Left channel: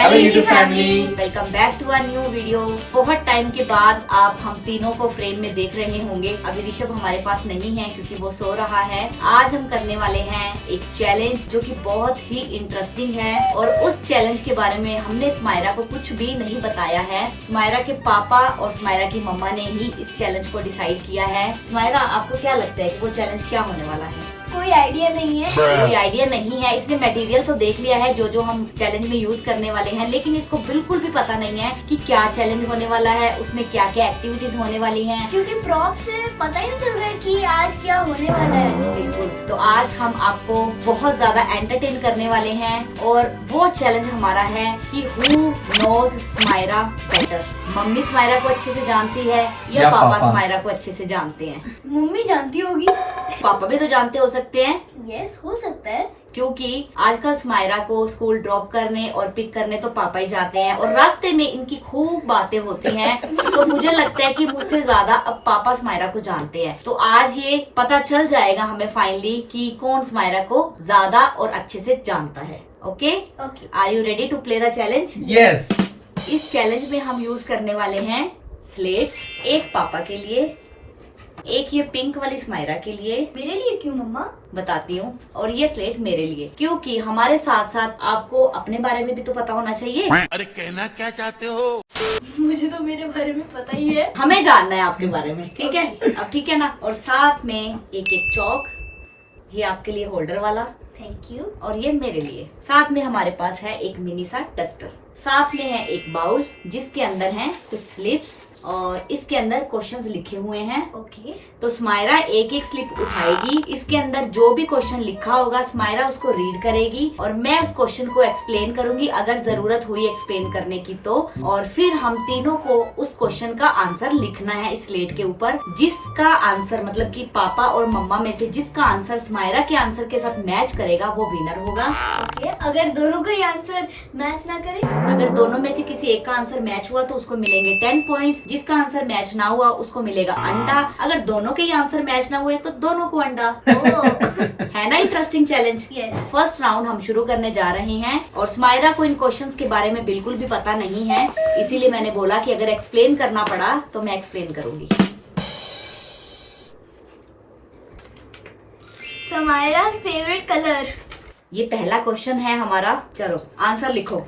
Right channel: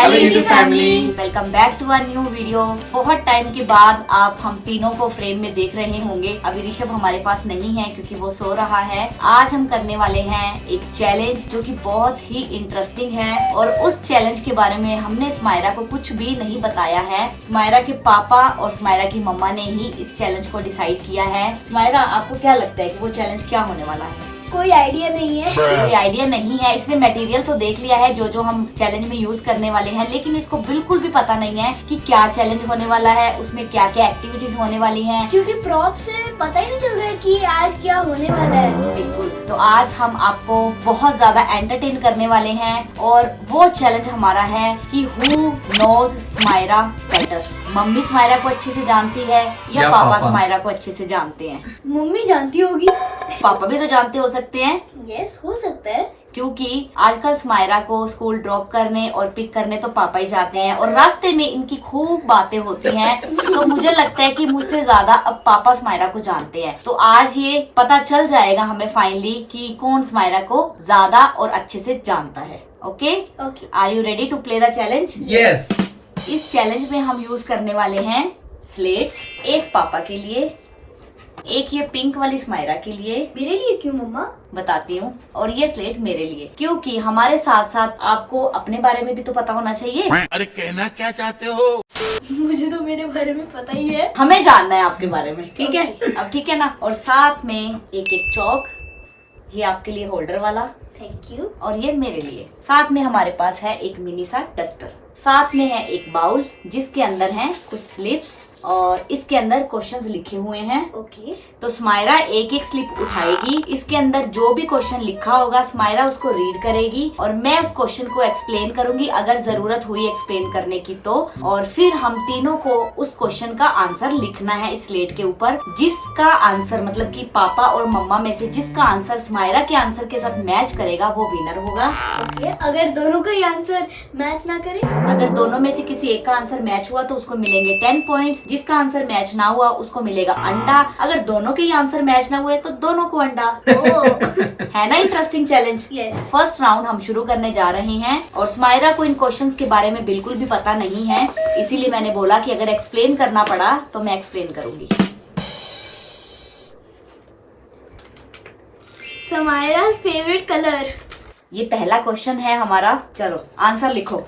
Hello YouTube family, welcome back to our new video. बहुत time के बाद आप हम तीनों को फ्रेम में देख रहे होंगे। अभी ऋषभ हमारे पास नहीं है क्योंकि वो सो रहा है। आज हम करने वाले हैं एक चैलेंज जो कि बहुत ही इंटरेस्टिंग है और उस चैलेंज के बारे में हमने स्माइरा को कुछ भी नहीं बताया है। स्माइरा के पापा और स्माइरा की मम्मा ने ही इस चैलेंज को डिसाइड किया है। स्माइरा, आपको क्या लगता है कि वो चैलेंज क्या होने वाला है? कोई आइडिया नहीं है। कोई आइडिया नहीं है। इसने मटेरियल तो देख लिया है जो हम चैलेंज में यूज करने वाले हैं, लेकिन इसको बिल्कुल भी पता नहीं है कि क्या चैलेंज होने वाला है, उसमें क्या क्या एक्टिविटीज होने वाली हैं। क्योंकि प्रॉप से पता ही नहीं चल रहा है कि आज क्या होने वाला है। बिल्कुल। तो आज हम आपको बहुत ज्यादा एंटरटेन करने वाले हैं और वो चैलेंज हमारा है कि हु नोज स्माइरा बेटर। मम्मी स्माइरा को अच्छे से जानती है या पापा स्माइरा को अच्छे से जानते हैं? मम्मी जानती होगी। पापा भी तो जानते हो सकते हैं। यस, हो सकता है। क्योंकि आजकल स्माइरा को स्कूल ड्रॉप करने और पिक करने तो पापा ही जाते हैं और रास्ते में इनकी खूब बातें होती हैं। तो मुझे लगता है कि मुझसे ज्यादा अब पापा स्माइरा को जानते हैं। तो आज ये पता चल जाएगा हमें फाइनली कि कौन स्माइरा को ज्यादा और अच्छे से जानता है। Okay, are you ready to play the challenge? Yes. इस चैलेंज में हम यूज करने वाले हैं स्लेट्स, एक पापा के लिए, एक ये पिंक वाली स्माइरा के लिए। मेरे लिए क्यों मम्मा? बताती हूँ। और ये स्लेट मेरे लिए, क्योंकि हमारे साथ साथ आपको अपने बारे में भी तो पता होना चाहिए। अरे कहना क्या चाहते हो? मुझे तो मेरे बारे में पता ही है। हमें जानना है आपके बारे में, ठीक है? अब ठीक है ना? और साथ में एक एक चौक, ये आपके लिए होल्डर वाला, थैंक यू। और ये मेरे लिए। साथ में हमारे पास है एक मिनी सा डस्टर। साथ में है एक बाउल जिसके अंदर है कुछ स्लिप्स और इसके अंदर क्वेश्चंस लिखे हुए हैं। ओके। तो स्माइरा एक एक स्लिप उठाएगी, इसके अंदर जो भी क्वेश्चन लिखा होगा स्माइरा उसको रीड करेगी और मैं उस क्वेश्चन को एक्सप्लेन करूंगी अगर जरूरत हुई एक्सप्लेन करने की तो। और फिर हम तीनों को उस क्वेश्चन का आंसर लिखना है इस स्लेट के ऊपर। जिसका आंसर मतलब कि पापा और मम्मा में से जिसका आंसर स्माइरा के आंसर के साथ मैच करेगा वो विनर होगा। ओके। अगर दोनों का ही आंसर मैच ना करे? अगर दोनों में से किसी एक का आंसर मैच हुआ तो उसको मिलेंगे 10 पॉइंट्स। जिसका आंसर मैच ना हुआ उसको मिलेगा अंडा। अगर दोनों के ही आंसर मैच ना हुए तो दोनों को अंडा। है ना interesting challenge? Yes. First round हम शुरू करने जा रहे हैं और स्माइरा को इन क्वेश्चंस के बारे में बिल्कुल भी पता नहीं है, इसीलिए मैंने बोला कि अगर एक्सप्लेन करना पड़ा तो मैं एक्सप्लेन करूंगी। स्माइरा's फेवरेट कलर। ये पहला क्वेश्चन है हमारा। चलो आंसर लिखो।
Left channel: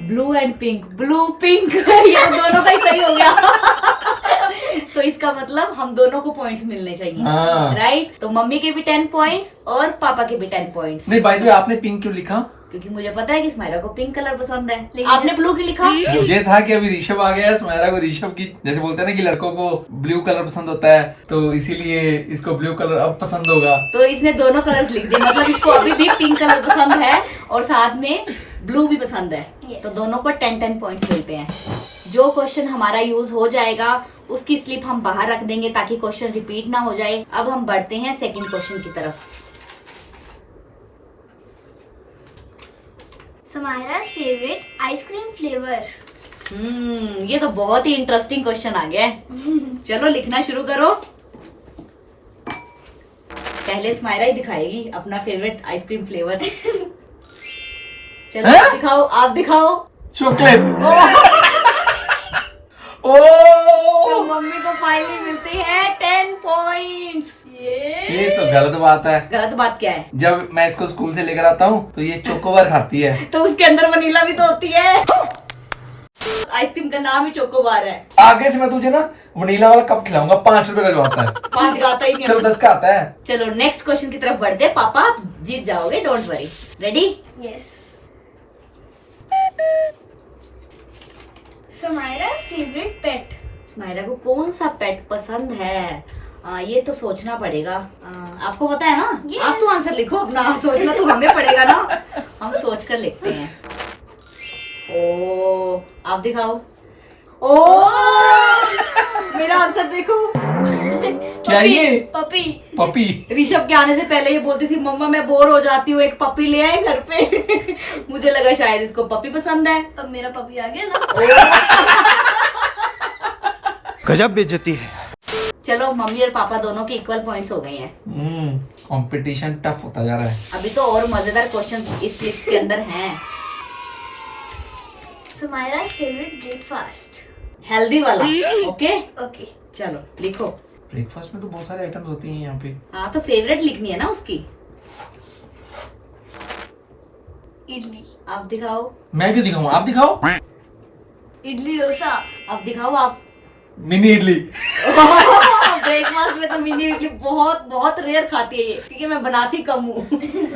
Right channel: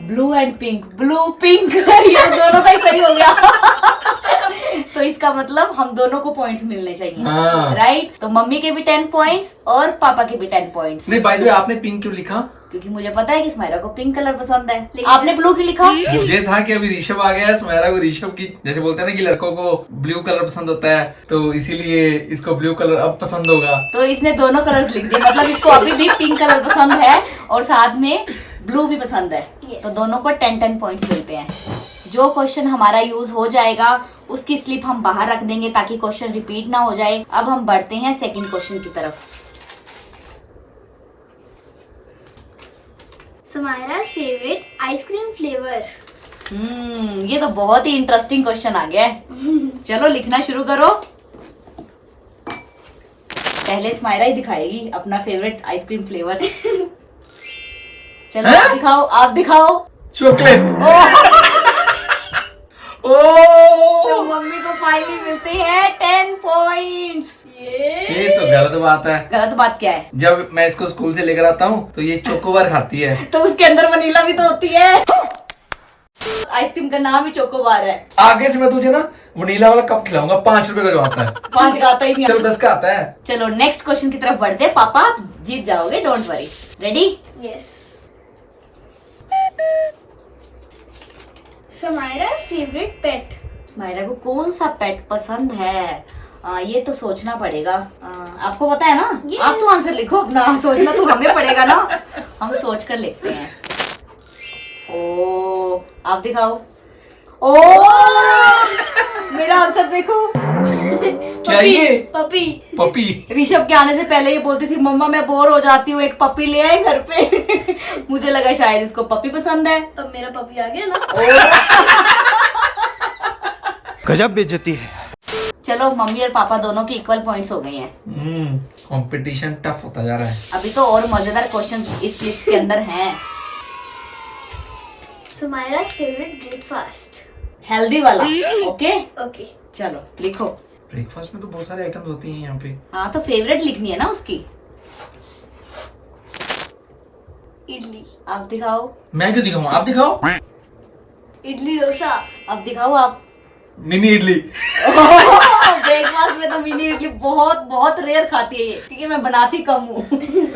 Blue and pink, blue pink. ये दोनों का ही सही हो गया। तो इसका मतलब हम दोनों को पॉइंट्स मिलने चाहिए, राइट? तो मम्मी के भी 10 पॉइंट्स और पापा के भी 10 पॉइंट्स। नहीं, बाय द वे आपने पिंक क्यों लिखा? क्योंकि मुझे पता है कि स्माइरा को पिंक कलर पसंद है। आपने ब्लू क्यों लिखा? मुझे था कि अभी ऋषभ आ गया, स्माइरा को ऋषभ की जैसे बोलते हैं ना कि लड़कों को ब्लू कलर पसंद होता है, तो इसीलिए इसको ब्लू कलर अब पसंद होगा। तो इसने दोनों कलर्स लिख दिए, मतलब इसको अभी भी पिंक कलर पसंद है और साथ में ब्लू भी पसंद है। तो दोनों को 10-10 पॉइंट्स मिलते हैं। जो क्वेश्चन हमारा यूज हो जाएगा उसकी स्लिप हम बाहर रख देंगे ताकि क्वेश्चन रिपीट ना हो जाए। अब हम बढ़ते हैं सेकंड क्वेश्चन की तरफ। स्माइरा's फेवरेट आइसक्रीम फ्लेवर। ये तो बहुत ही इंटरेस्टिंग क्वेश्चन आ गया है। चलो लिखना शुरू करो। पहले स्माइरा ही दिखाएगी अपना फेवरेट आइसक्रीम फ्लेवर। चलो आप दिखाओ, आप दिखाओ। चॉकलेट। तो मम्मी को फाइनली मिलते हैं 10 पॉइंट्स। ये तो गलत बात है। गलत बात क्या है? जब मैं इसको स्कूल से लेकर आता हूँ तो ये चोकोबार खाती है। तो उसके अंदर वनीला भी तो होती है। आइसक्रीम का नाम ही चोकोबार है। आगे से मैं तुझे ना वनीला वाला कप खिलाऊंगा, 5 रुपए का जो आता है। 5 का आता ही नहीं। चलो 10 का आता है। चलो नेक्स्ट क्वेश्चन की तरफ बढ़ते। पापा आप जीत जाओगे, don't worry. Ready? Yes. Smaira's favourite pet. Smaira को कौन सा पेट पसंद है? ये तो सोचना पड़ेगा। आपको पता है ना? Yes. आप तो आंसर लिखो अपना। सोचना तो हमें पड़ेगा ना। हम सोच कर लिखते हैं। ओ, आप दिखाओ। ओ, मेरा आंसर देखो। क्या ये? पपी। पपी। ऋषभ के आने से पहले ये बोलती थी मम्मा मैं बोर हो जाती हूँ, एक पपी ले आए घर पे। मुझे लगा शायद इसको पपी पसंद है। अब मेरा पपी आ गया ना। गजब बेइज्जती है। चलो मम्मी और पापा दोनों के इक्वल पॉइंट्स हो गए हैं। कंपटीशन टफ होता जा रहा है। अभी तो और मजेदार क्वेश्चन इस लिस्ट के अंदर हैं। Sumaira favourite breakfast. हेल्दी वाला। Okay okay. चलो लिखो। ब्रेकफास्ट में तो बहुत सारे आइटम्स होती हैं यहाँ पे। हाँ तो फेवरेट लिखनी है ना उसकी। इडली। आप दिखाओ। मैं क्यों दिखाऊं, आप दिखाओ। इडली डोसा। अब दिखाओ आप। मिनी इडली। ब्रेकफास्ट में तो मिनी इडली बहुत बहुत रेयर खाती है ये, क्योंकि मैं बनाती कम हूँ।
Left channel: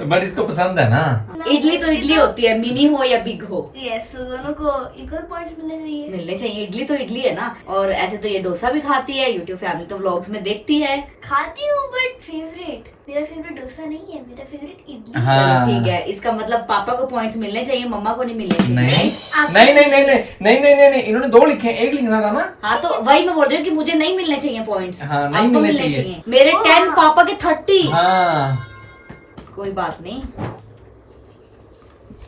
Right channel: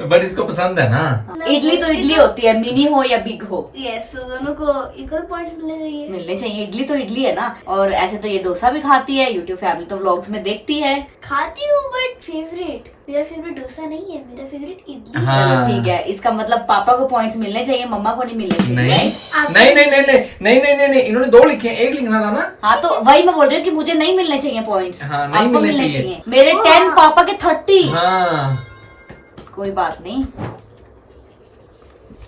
बट इसको पसंद है ना। इडली तो इडली होती है, मिनी हो या बिग हो। यस, तो दोनों को इक्वल पॉइंट्स मिलने चाहिए। इडली तो इडली है ना। और ऐसे तो ये डोसा भी खाती है, यूट्यूब फैमिली तो व्लॉग्स में देखती है। खाती हूँ बट फेवरेट, मेरा फेवरेट डोसा नहीं है, मेरा फेवरेट इडली। हाँ। चलो ठीक है, इसका मतलब पापा को पॉइंट्स मिलने चाहिए, मम्मा को नहीं मिलने चाहिए। नहीं नहीं नहीं नहीं नहीं नहीं नहीं नहीं, इन्होंने 2 लिखे, 1 लिखना था ना। हाँ तो वही मैं बोल रही हूँ कि मुझे नहीं मिलने चाहिए पॉइंट्स। हाँ, नहीं आपको मिलने मिलने चाहिए। चाहिए। मेरे 10 पापा के 30। हाँ कोई बात नहीं।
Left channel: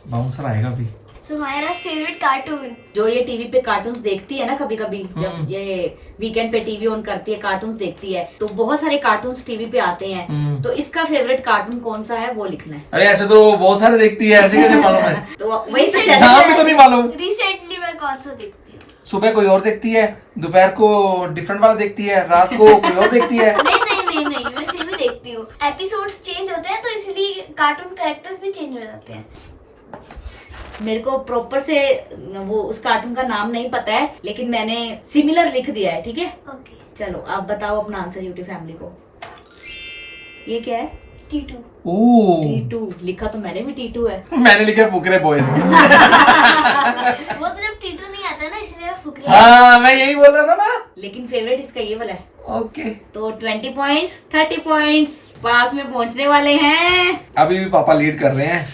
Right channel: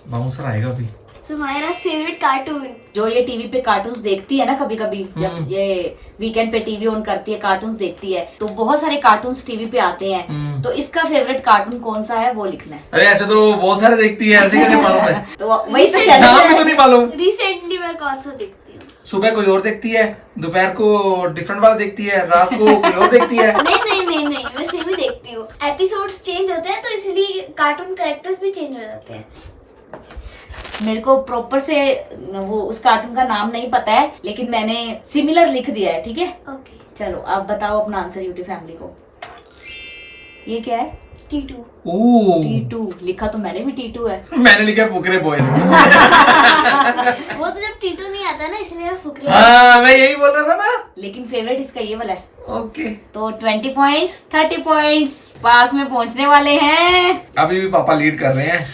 बाउंसर आएगा अभी। Sumaira favourite cartoon. जो ये टीवी पे कार्टून्स देखती है ना, कभी कभी जब ये वीकेंड पे टीवी ऑन करती है, कार्टून्स देखती है, तो बहुत सारे कार्टून्स टीवी पे आते हैं। तो इसका फेवरेट कार्टून कौन सा है वो लिखना है। अरे ऐसे तो बहुत सारे देखती है, ऐसे कैसे मालूम है। तो वही तो नाम भी तो चैलेंज नहीं मालूम। रिसेंटली मैं कौन सा देखती हूँ? सुबह कोई और देखती है, दोपहर को डिफरेंट वाला देखती है, रात को कोई और देखती है। नहीं नहीं नहीं नहीं, मैं सेम ही देखती हूँ। एपिसोड्स चेंज होते हैं तो इसलिए कार्टून कैरेक्टर्स भी चेंज हो जाते हैं। मेरे को प्रॉपर से वो उस कार्टून का नाम नहीं पता है, लेकिन मैंने सिमिलर लिख दिया है। ठीक है ओके। चलो आप बताओ अपना आंसर यूट्यूब फैमिली को। ये क्या है? टीटू। T2 लिखा तो मैंने भी T2 है। मैंने लिखा फुकरे बॉयज। वो तो जब टीटू नहीं आता ना, इसलिए मैं फुकरी। हाँ मैं यही बोल रहा था ना। लेकिन फेवरेट इसका ये वाला है। ओके तो 20 पॉइंट्स 30 पॉइंट्स पास में पहुंचने वाले हैं। अभी भी पापा लीड कर रहे हैं।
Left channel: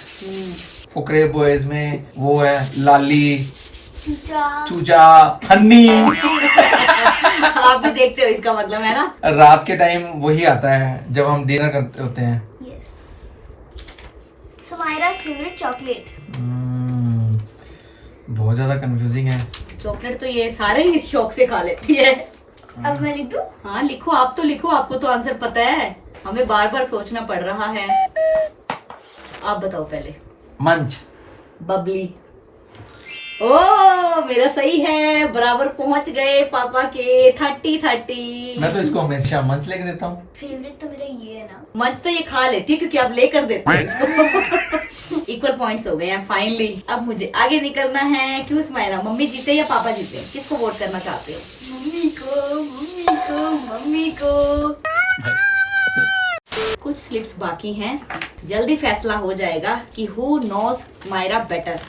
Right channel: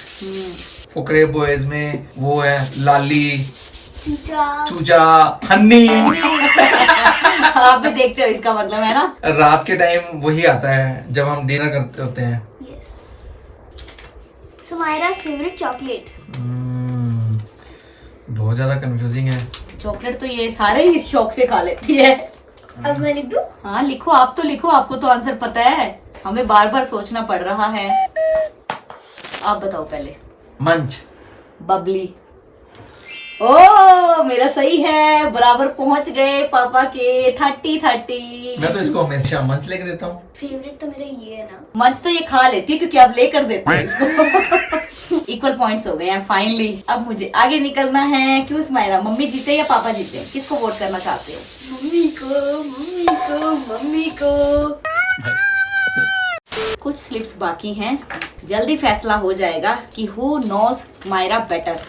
फुकरे बॉयज में वो है लाली, चूचा, हन्नी। आप भी देखते हो, इसका मतलब है ना। रात के टाइम वही आता है जब हम डिनर करते होते हैं। Sumaira favourite chocolate. बहुत ज्यादा कंफ्यूजिंग है। चॉकलेट तो ये सारे ही शौक से खा लेती है। अब मैं लिख दूं? हाँ लिखो, आप तो लिखो, आपको तो आंसर पता है, हमें बार बार सोचना पड़ रहा है। आप बताओ पहले। मंच। बबली। ओ मेरा सही है, बराबर पहुंच गए पापा के 30। मैं तो इसको हमेशा मंच लेके देता हूँ। फेवरेट तो मेरा ये है ना। मंच तो ये खा लेती है क्योंकि आप लेकर देते हैं इसको। इक्वल पॉइंट्स हो गए हैं फाइनली। अब मुझे आगे निकलना है। क्यों सुमायरा, मम्मी जीते या पापा जीते, किसको वोट करना चाहते हो? मम्मी को, मम्मी को, मम्मी को। कुछ स्लिप्स बाकी हैं, जल्दी फैसला हो जाएगा कि who knows Sumaira better.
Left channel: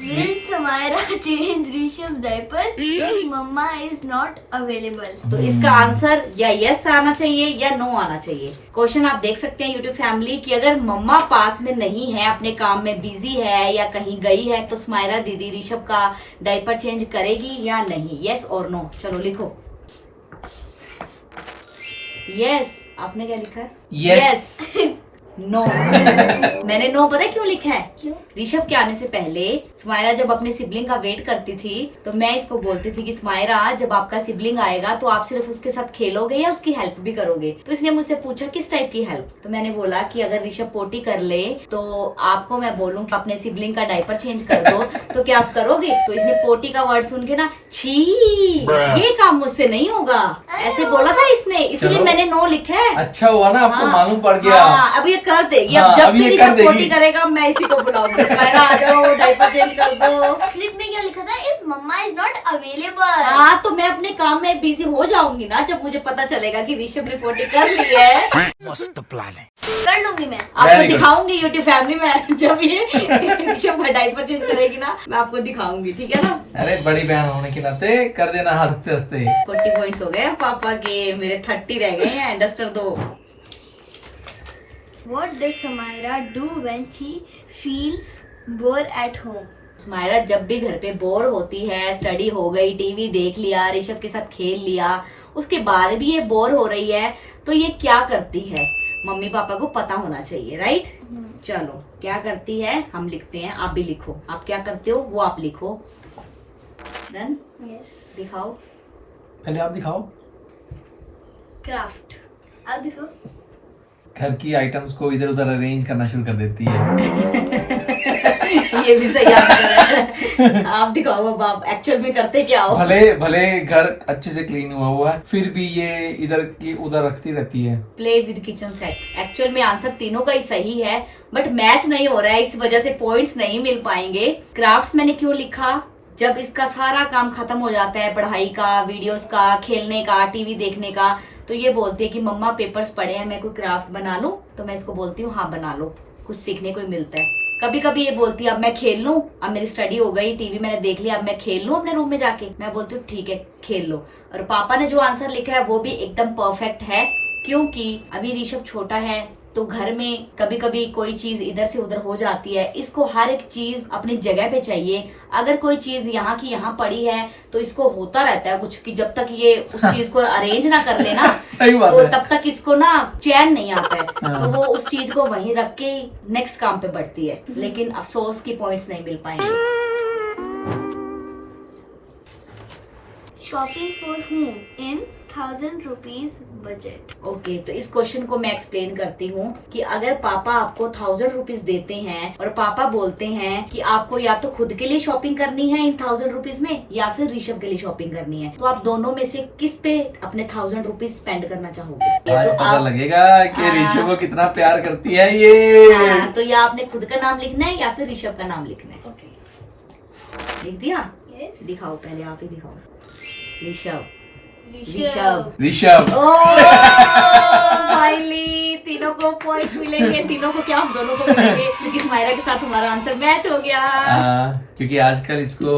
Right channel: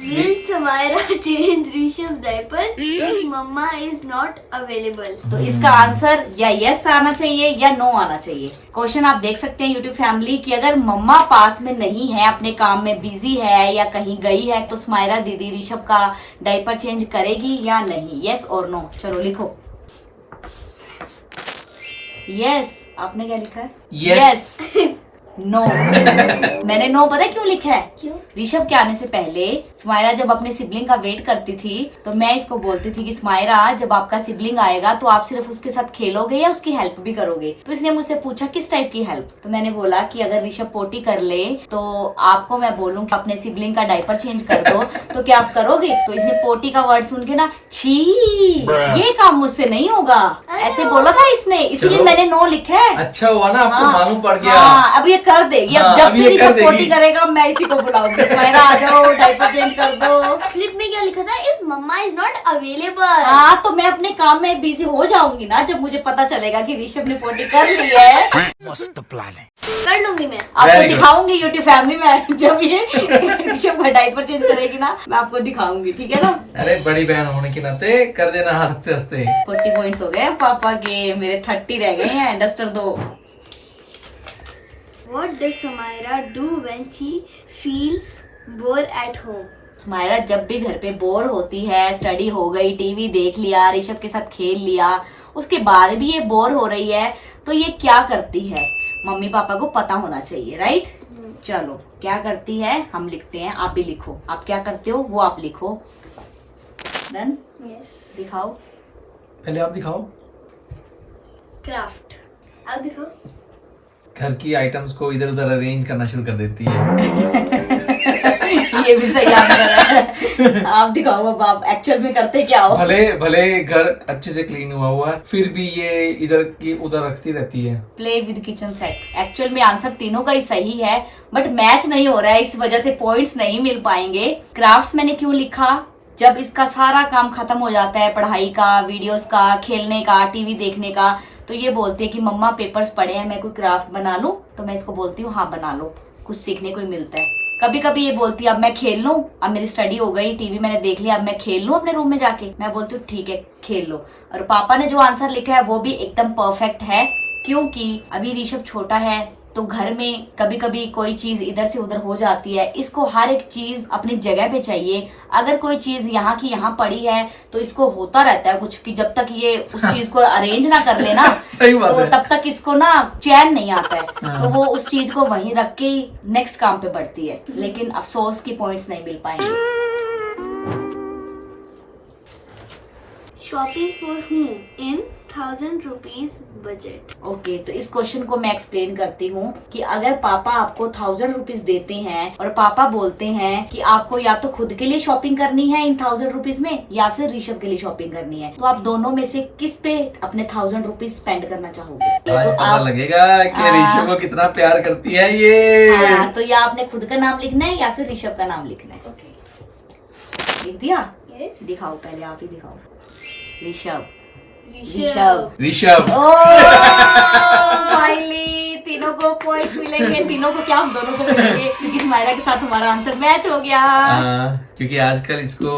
Will Sumaira change Rishabh's diaper if Mama is not available? तो इसका आंसर या यस आना चाहिए या नो आना चाहिए। क्वेश्चन आप देख सकते हैं यूट्यूब फैमिली कि अगर मम्मा पास में नहीं है, अपने काम में बिजी है या कहीं गई है, तो सुमायरा दीदी ऋषभ का डायपर चेंज करेगी या नहीं। यस और नो। चलो लिखो। यस। आपने क्या लिखा है? यस। नो। मैंने नो पता है क्यों लिखा है? क्यों? ऋषभ के आने से पहले सुमायरा जब अपने सिबलिंग का वेट करती थी, तो मैं इसको बोलती थी कि सुमायरा जब आपका सिबलिंग आएगा तो आप सिर्फ उसके साथ खेलोगे या उसकी हेल्प भी करोगे। तो इसने मुझसे पूछा किस टाइप की हेल्प, तो मैंने बोला कि अगर ऋषभ पोटी कर ले तो आपको मैं बोलूँ कि अपने सिबलिंग का डायपर चेंज कर दो, तो क्या आप करोगे? तो इसने पोटी का वर्ड सुन के ना, छी ये काम मुझसे नहीं होगा, ऐसे बोला था इसने, इसलिए मैंने नो लिखा है। अच्छा हुआ ना, आपको हाँ, मालूम पड़ गया। हाँ, अब ये कर देगी। अब हाँ, जब अब ये भी कर ऋषभ देगी। पोटी करेगा मैं इसी को बुलाऊंगी, सुमायरा आ जाओ डायपर चेंज कर दो। स्लिप में क्या लिखा था? If Mama is not available. हाँ तो मैं अपने काम में बिजी हो जाऊंगी ना जब मुझे पता चलेगा कि ऋषभ ने पोटी कर ली है। मस्त प्लान है। कर लूंगी मैं। आपको Very good. दिखाऊंगी यूट्यूब फैमिली में, जब ये ऋषभ का डायपर चेंज करेगी ना, मैं आपको दिखाऊंगी। ठीक है ना? अरे बड़ी बहन होने के नाते कर देना हंसते हंसते। 40 पॉइंट्स हो गए हैं पापा के, मेरे 30 रह गए हैं। डस्टर दो। What does Sumaira do when she feels bored at home? Sumaira जब भी घर पे बोर होती है, स्टडी हो गई, टीवी देख लिया, ऋषभ के साथ खेल लिया, उसके बाद भी ये बोर हो रही है, तो ये क्या करती है? मम्मी पापा को पता होना चाहिए, राइट? चलो क्या करती है हम लिखते हैं, आप भी लिखो। आप क्या करते हो वो आप लिखो। डन? Yes. दिखाओ। पहले आप दिखाओ। क्राफ्ट। अब दिखो। घर की आइटम्स को इधर उधर अरेंज करना शुरू कर देती है। ये भी सही आंसर है। आप दिखाओ अब आप एक्चुअल में करते क्या हो? भले घर अच्छे से क्लीन हुआ है, फिर भी ये इधर की उधर रखती रहती है। Play with kitchen set. Actual में आंसर तीनों का ही सही है, बट मैच नहीं हो रहा है, इस वजह से पॉइंट्स नहीं मिल पाएंगे। क्राफ्ट्स मैंने क्यों लिखा? जब इसका सारा काम खत्म हो जाता है, पढ़ाई का, वीडियोस का, खेलने का, टीवी देखने का, तो ये बोलती है कि मम्मा पेपर्स पड़े हैं, मैं कोई क्राफ्ट बना लूं? तो मैं इसको बोलती हूँ हाँ बना लो, कुछ सीखने को ही मिलता है। कभी कभी ये बोलती है अब मैं खेल लूं, अब मेरी स्टडी हो गई, टीवी मैंने देख लिया, अब मैं खेल लूं अपने रूम में जाके? मैं बोलती हूँ ठीक है खेल लो। और पापा ने जो आंसर लिखा है वो भी एकदम परफेक्ट है, क्योंकि अभी ऋषभ छोटा है तो घर में कभी कभी कोई चीज इधर से उधर हो जाती है, इसको हर एक चीज अपनी जगह पे चाहिए। अगर कोई चीज यहाँ की यहाँ पड़ी है तो इसको होता रहता है कुछ, कि जब तक ये उस चीज को अरेंज ना कर लेना सही बात तो है। तब तक इसको ना चैन नहीं आता है, तो वो उस चीज को वहीं रख के नेक्स्ट काम पे बढ़ती है। लेकिन अफसोस की पॉइंट्स नहीं मिल पाएंगे। Shopping for whom in 1000 rupees budget. Okay, तो इस क्वेश्चन को मैं एक्सप्लेन करती हूँ कि अगर पापा आपको 1000 रुपीज देते हैं और पापा बोलते हैं कि आपको या तो खुद के लिए शॉपिंग करनी है इन 1000 रुपीज में या फिर ऋषभ के लिए शॉपिंग करनी है, तो आप दोनों में से किस पे अपने 1000 रुपीज स्पेंड करना चाहोगे? आज तो पता लगेगा कि ऋषभ को कितना प्यार करती है ये। तो या आपने खुद का नाम लिखना है या फिर ऋषभ का नाम लिखना है। ओके। लिख दिया? यस। दिखाओ, पहले आप ही दिखाओ। ऋषभ। ऋषभ। फाइनली तीनों को पॉइंट्स मिलेंगे। तीनों को क्या, हम दोनों को मिलेंगे, क्योंकि स्माइला के साथ हमारा आंसर मैच हो गया। क्योंकि आजकल इसको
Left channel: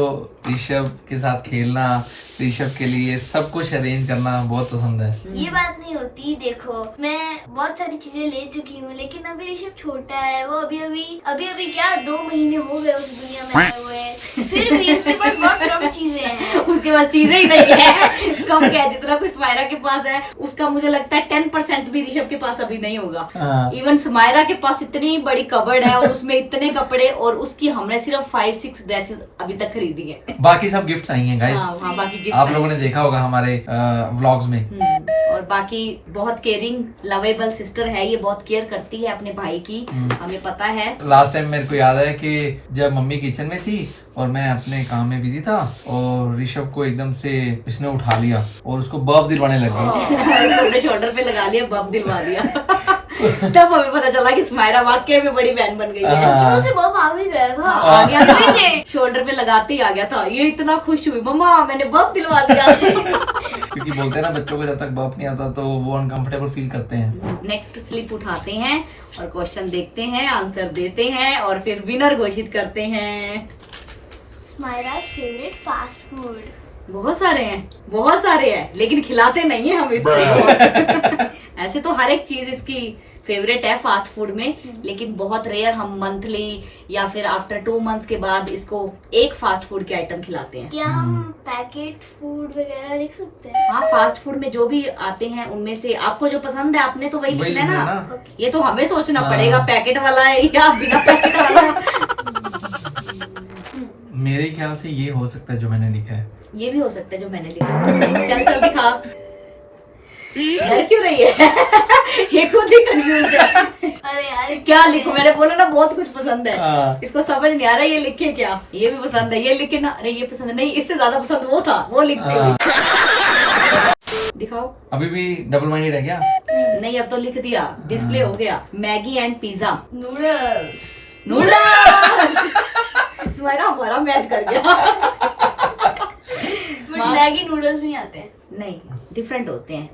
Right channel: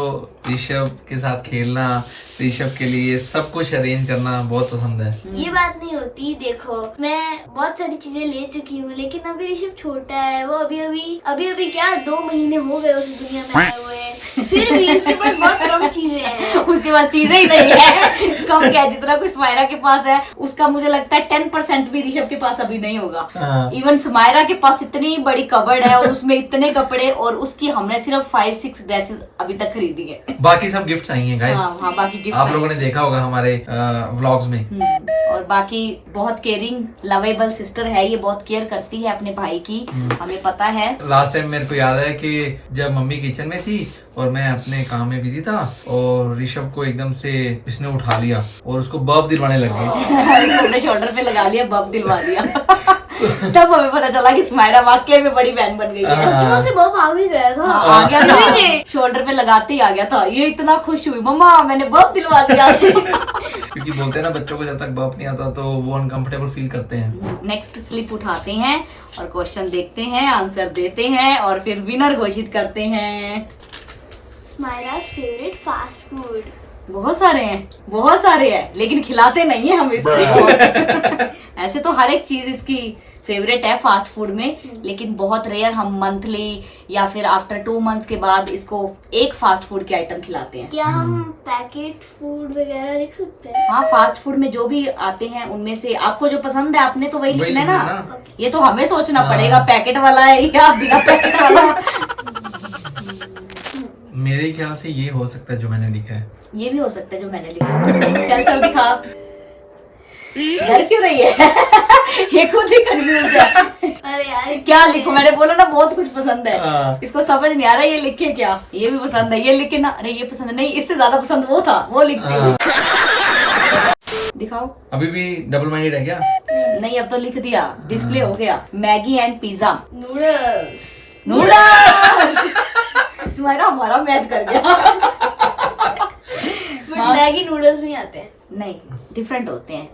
ऋषभ के साथ खेलना, ऋषभ के लिए सब कुछ अरेंज करना बहुत पसंद है। ये बात नहीं होती। देखो मैं बहुत सारी चीजें ले चुकी हूँ, लेकिन अभी ऋषभ छोटा है। वो अभी क्या 2 महीने हो गए उस दुनिया में आए हुए, फिर भी उसके पास बहुत कम चीजें हैं। उसके पास चीजें ही नहीं है। कम क्या, जितना कुछ स्माइरा के पास है उसका मुझे लगता है 10% भी ऋषभ के पास अभी नहीं होगा। इवन स्माइरा के पास इतनी बड़ी कबर्ड है और उसमें इतने कपड़े, और उसकी हमने सिर्फ 5-6 ड्रेसेस अभी तक खरीदी है। बाकी सब गिफ्ट्स आई हैं गाइस। हाँ, बाकी गिफ्ट आप लोगों ने देखा होगा हमारे व्लॉग्स में। और बाकी बहुत केयरिंग लवेबल सिस्टर है, ये बहुत केयर करती है अपने भाई की, हमें पता है। लास्ट टाइम मेरे को याद है कि जब मम्मी किचन में थी और मैं अपने काम में बिजी था और ऋषभ को एकदम से इसने उठा लिया और उसको बर्फ दिलवाने लगी। अपने शोल्डर पे लगा लिया, बम दिलवा दिया। तब हमें पता चला कि स्माइरा वाकई में बड़ी बहन बन गई है। सच से बम आ भी गया था। आ गया था, शोल्डर पे लगाते ही आ गया था। ये इतना खुश हुई, मम्मा मैंने बम दिलवा दिया। क्योंकि बोलते हैं ना बच्चों को जब तक बर्फ नहीं आता तो वो अनकंफर्टेबल फील करते हैं। नेक्स्ट स्लिप उठाते हैं और क्वेश्चन देखते हैं, आंसर देते हैं और फिर विनर घोषित करते हैं। Smira's favorite fast food। बहुत सारे हैं, लेकिन खिलाते नहीं है हम इसको। ऐसे तो हर एक चीज इसकी फेवरेट है फास्ट फूड में, लेकिन बहुत रेयर हम मंथली या फिर आफ्टर 2 मंथ्स के बाद इसको एक फास्ट फूड के आइटम खिलाते हैं। क्या हम पैकेट फूड वगैरह लिख सकते हैं? हाँ, फास्ट फूड में जो भी आते हैं उनमें से आपको जो पसंद है आपने तो वही लिखना है ना। ये तो हमें सोचना पड़ेगा पैकेट वाला है या बिना पैकेट वाला। मेरे ख्याल से ये हो सकता है जो मैंने लिखा है। ये भी हो सकता है जो मैंने लिखा। चल दिखा। डर क्यों रही है? ये खुद ही कंफ्यूज है। अरे यार क्या लिखूं? मैंने बोला ना बहुत कुछ पसंद है। इसको समझ नहीं आ रहा ये लिखे क्या। ये भी पसंद है, ये लिखे ना। अरे ये पसंद नहीं, इससे ज्यादा पसंद वो था, वो लिखते हुए। दिखाओ। अभी भी डबल माइंडेड है क्या? नहीं, अब तो लिख दिया, डिस्प्ले हो गया। Maggi and pizza. नूडल्स। तुम्हारा हमारा मैच कर गया। मैगी नूडल्स भी आते हैं। नहीं, डिफरेंट होते हैं।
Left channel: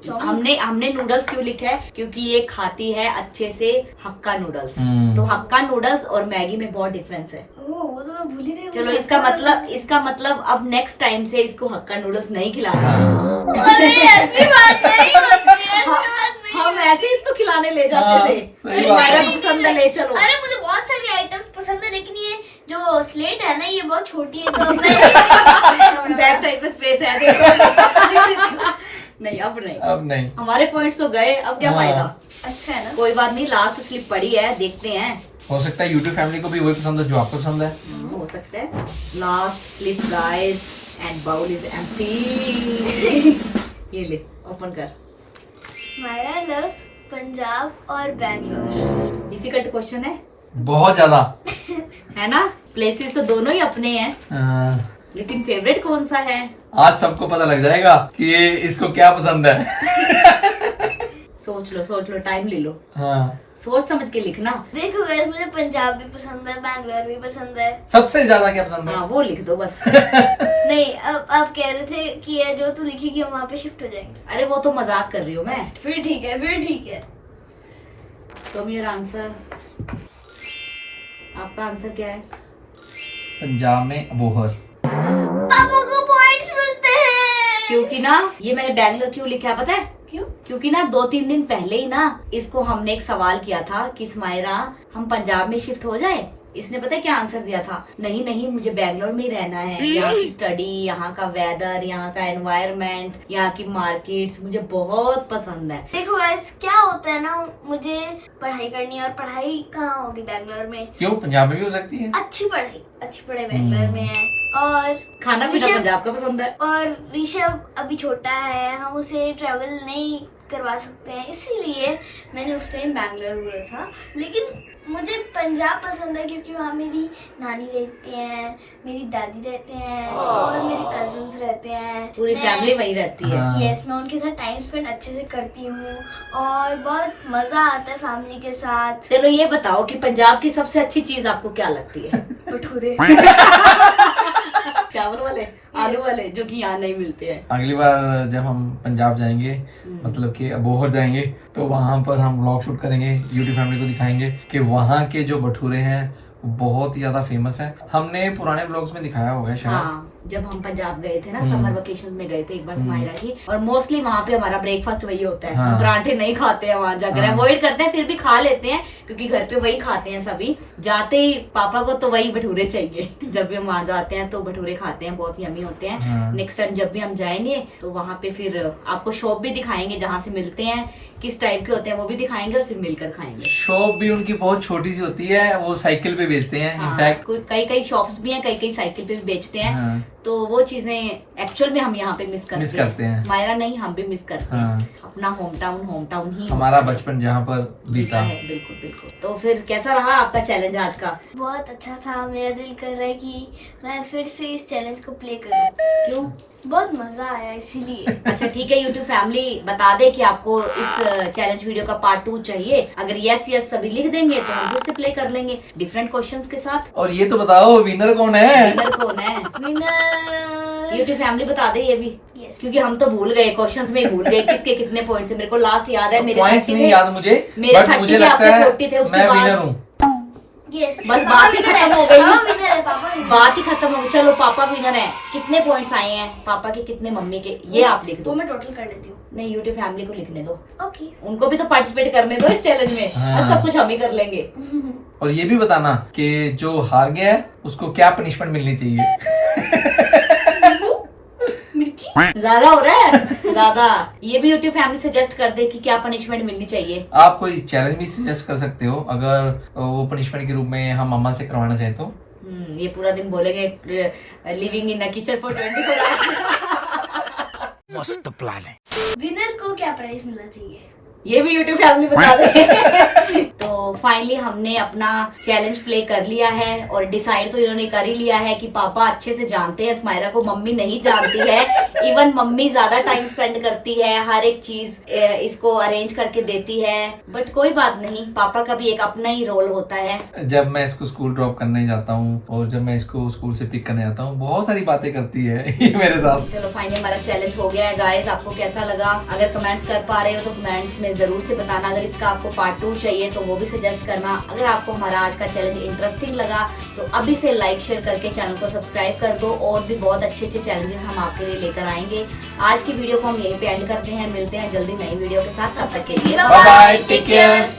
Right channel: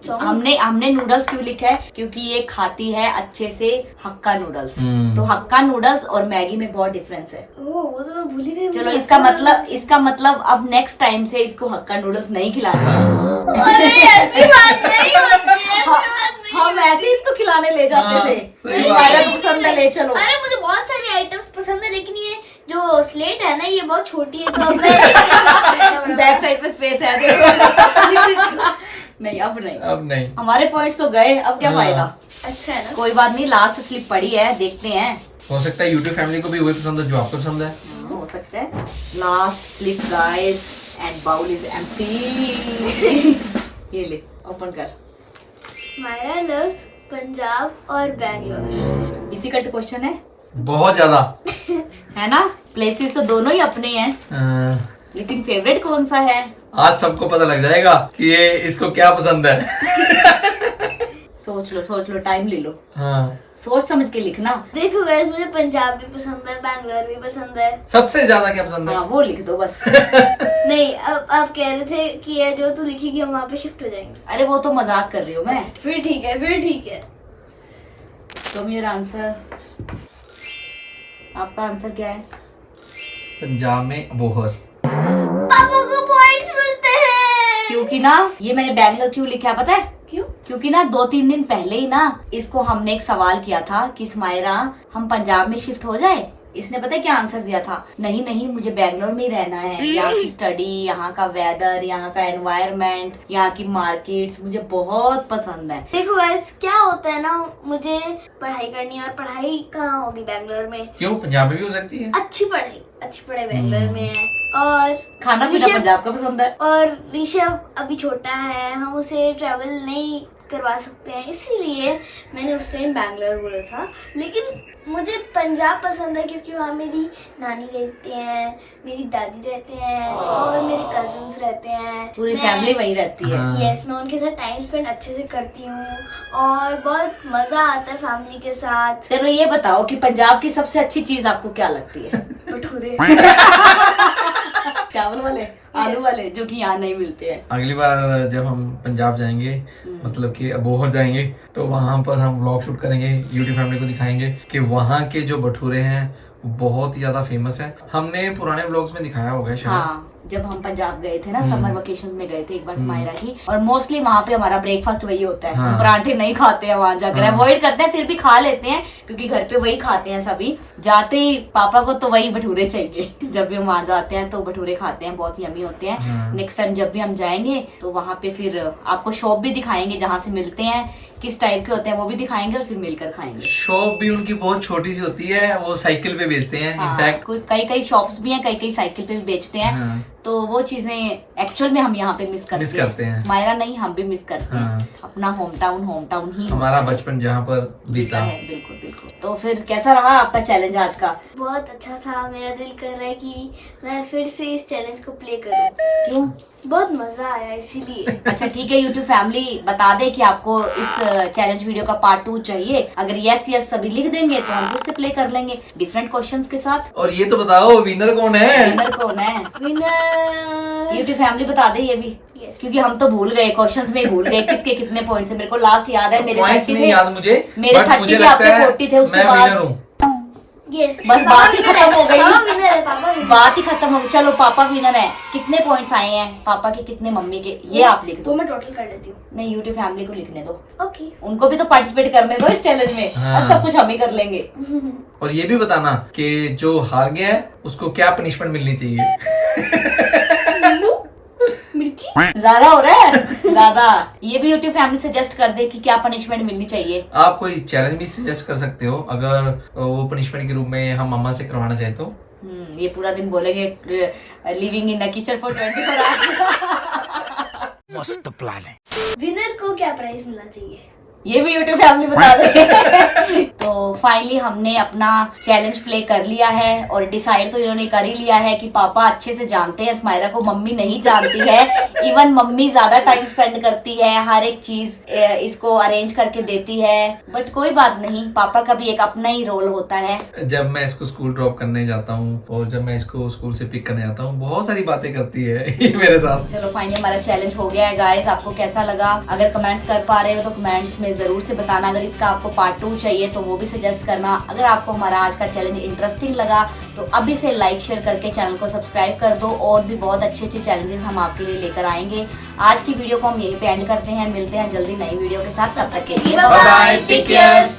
हमने नूडल्स क्यों लिखा है? क्योंकि ये खाती है अच्छे से हक्का नूडल्स। तो हक्का नूडल्स और मैगी में बहुत डिफरेंस है। वो तो मैं भूल ही गई। चलो, इसका मतलब अब नेक्स्ट टाइम से इसको हक्का नूडल्स नहीं खिलाना। अरे ऐसी बात नहीं होती है। हम ऐसे इसको खिलाने ले जाते थे। पसंद है, ले चलो। अरे मुझे बहुत सारी आइटम्स पसंद है, लेकिन ये जो स्लेट है ना ये बहुत छोटी है, तो मैं बैक साइड पे स्पेस है। नहीं, अब नहीं। हमारे पॉइंट्स तो गए, अब क्या फायदा। अच्छा है ना। कोई बात नहीं, लास्ट स्लिप पड़ी है, देखते हैं। हो सकता है यूट्यूब फैमिली को भी वही पसंद है जो आपको पसंद है। हो सकता है। Last slip guys and bowl is empty. ये ले, ओपन कर। स्माइरा लव्स पंजाब और बैंगलोर। डिफिकल्ट क्वेश्चन है, बहुत ज्यादा। है ना? प्लेसेस तो दोनों ही अपने हैं, लेकिन फेवरेट कौन सा है? आज सबको पता लग जाएगा कि ये इसको क्या पसंद है। सोच लो, टाइम ले लो, हाँ, सोच समझ के लिखना। देखो गाइस, मुझे पंजाब भी पसंद है, बैंगलोर भी पसंद है। सबसे ज्यादा क्या पसंद है? हाँ, वो लिख दो बस। नहीं, अब आप कह रहे थे कि ये जो तू लिखेगी हम वहाँ पे शिफ्ट हो जाएंगे। अरे वो तो मजाक कर रही हूँ मैं। फिर ठीक है। तो मेरा आंसर, आपका आंसर क्या है? पंजाब में अबोहर। पापा को पॉइंट्स मिलते हैं। क्योंकि ना ये मैंने बैंगलोर क्यों लिखा है पता है? क्यों? क्योंकि ना 2-3 दिन पहले ही ना इसको हमने एक सवाल किया था कि स्माइरा हम पंजाब में शिफ्ट हो जाए। इसने पता है क्या आंसर दिया था? नहीं मुझे बैंगलोर में ही रहना है, यहाँ की स्टडी, यहाँ का वेदर, यहाँ का एनवायरनमेंट, यहाँ की मार्केट्स मुझे बहुत पसंद है। देखो गाइस, क्या होता है ना, मुझे पढ़ाई करनी है और पढ़ाई कहाँ होगी बैंगलोर में? क्यों, पंजाब में भी हो सकती है। अच्छी पढ़ाई बैंगलोर में है। और खाना पीना ऋषभ- पंजाब का पसंद है। और ऋषभ अभी छोटा है, हम उसे ट्रैवल नहीं करवा सकते हैं, इसीलिए मैंने उस टाइम बैंगलोर बोला था। लेकिन मुझे पंजाब पसंद है क्योंकि वहाँ मेरी नानी रहती है, मेरी दादी रहते हैं और मेरे कजिन्स रहते हैं। पूरी मैं- फैमिली वहीं रहती है। हाँ। यस, मैं उनके साथ टाइम स्पेंड अच्छे से करती हूँ और बहुत मजा आता है फैमिली के साथ। चलो ये बताओ कि पंजाब की सबसे अच्छी चीज आपको क्या लगती है? भटूरे। चावल वाले, आलू वाले, जो कि यहाँ नहीं मिलते हैं। अगली बार जब हम पंजाब जाएंगे, मतलब कि अबोहर जाएंगे, तो वहां पर हम व्लॉग शूट करेंगे, यूट्यूब फैमिली को दिखाएंगे कि वहाँ के जो भटूरे हैं बहुत ही ज्यादा फेमस है। हमने पुराने व्लॉग्स में दिखाया होगा शायद। हाँ, जब हम पंजाब गए थे ना, समर वेकेशन में गए थे एक बार स्माइरा की, और मोस्टली वहाँ पे हमारा ब्रेकफास्ट वही होता है। हाँ। हम पराठे नहीं खाते हैं वहाँ जाकर, हाँ। अवॉइड करते हैं, फिर भी खा लेते हैं क्योंकि घर पे वही खाते हैं सभी। जाते ही पापा को तो वही भटूरे चाहिए। जब भी हम वहाँ जाते हैं तो भटूरे खाते हैं, बहुत यम्मी होते हैं। हाँ। नेक्स्ट टाइम जब भी हम जाएंगे तो वहाँ पे फिर आपको शॉप भी दिखाएंगे जहाँ से मिलते हैं, किस टाइप के होते हैं वो भी दिखाएंगे और फिर मिलकर खाएंगे। शॉप भी उनकी बहुत छोटी सी होती है, वो साइकिल पे बेचते हैं। हाँ, इनफैक्ट कोई कई शॉप्स भी हैं, कई साइकिल पे भी बेचते हैं। हाँ। तो वो चीजें एक्चुअल में हम यहाँ पे मिस करते हैं। स्माइरा नहीं, हम भी मिस करते हाँ। हैं। अपना होम टाउन ही हमारा होता है। बचपन जहाँ पर बीता। है, बिल्कुल। तो फिर कैसा रहा आपका चैलेंज आज का? बहुत अच्छा था। मेरा दिल कर रहा है कि मैं फिर से इस चैलेंज को प्ले करूं। क्यों? बहुत मजा आया इसीलिए। अच्छा ठीक है, यूट्यूब फैमिली बता दे कि आपको इस चैलेंज वीडियो का पार्ट 2 चाहिए। अगर यस सभी लिख देंगे तो हम फिर से प्ले कर लेंगे डिफरेंट क्वेश्चंस के साथ। और ये तो बताओ विनर कौन है? विनर कौन है? विनर यूट्यूब फैमिली बता दे ये भी। Yes. क्योंकि हम तो भूल गए, क्वेश्चंस में भूल गए किसके कितने पॉइंट्स है। मेरे को लास्ट याद है, मेरे पॉइंट्स 30 नहीं थे, याद मुझे, मेरे बट 30 मुझे थे, लगता आपके है 40 थे। उसके मैं बाद विनर हूँ। यस, बस बात ही खत्म हो गई। पापा विनर है, पापा winner है। बात ही खत्म हो गई। चलो पापा विनर है। कितने पॉइंट्स आए हैं पापा के, कितने मम्मी के, ये आप लिख वो दो। मैं टोटल कर लेती हूँ। नहीं, यूट्यूब फैमिली को लिखने दो, ओके। उनको भी तो पार्टिसिपेट करने दो इस चैलेंज में। हाँ। और सब कुछ हम ही कर लेंगे। और ये भी बताना कि जो हार गया है उसको क्या पनिशमेंट मिलनी चाहिए। मिर्ची। ज्यादा हो रहा है ज्यादा। ये भी यूट्यूब फैमिली सजेस्ट कर दे कि क्या पनिशमेंट मिलनी चाहिए। आप कोई चैलेंज भी सजेस्ट कर सकते हो, अगर वो पनिशमेंट के रूप में हम मम्मा से करवाना चाहें तो। ये पूरा दिन बोलेंगे living in a kitchen for 24 hours. मस्त प्लान है। विनर को क्या प्राइज मिलना चाहिए? ये भी यूट्यूब फैमिली बता दे। तो फाइनली हमने अपना चैलेंज प्ले कर लिया है और डिसाइड तो इन्होंने कर ही लिया है कि पापा अच्छे से जानते हैं स्माइरा को, मम्मी नहीं जानती है। इवन मम्मी ज्यादा टाइम स्पेंड करती है, हर एक चीज इसको अरेंज करके देती है। बट कोई बात नहीं, पापा का भी एक अपना ही रोल होता है। जब मैं इसको स्कूल ड्रॉप करने जाता हूँ और जब मैं इसको स्कूल से पिक करने जाता हूँ, बहुत सारी बातें करती है ये मेरे साथ। चलो फाइनली हमारा चैलेंज हो गया है गाइस। आपको कैसा लगा? अगर कमेंट्स कर पा रहे हो तो कमेंट्स में जरूर से बताना। अगर इसका आपको पार्ट 2 चाहिए तो वो भी सजेस्ट करना। अगर आपको हमारा आज का चैलेंज इंटरेस्टिंग लगा तो अभी से लाइक शेयर करके चैनल को सब्सक्राइब कर दो। और भी बहुत अच्छे चैलेंजेस हम आपके लिए लेकर आएंगे। आज की वीडियो को हम यहीं पे एंड करते हैं। मिलते हैं जल्दी नई वीडियो के साथ। तब तक के लिए बाय बाय, टेक केयर।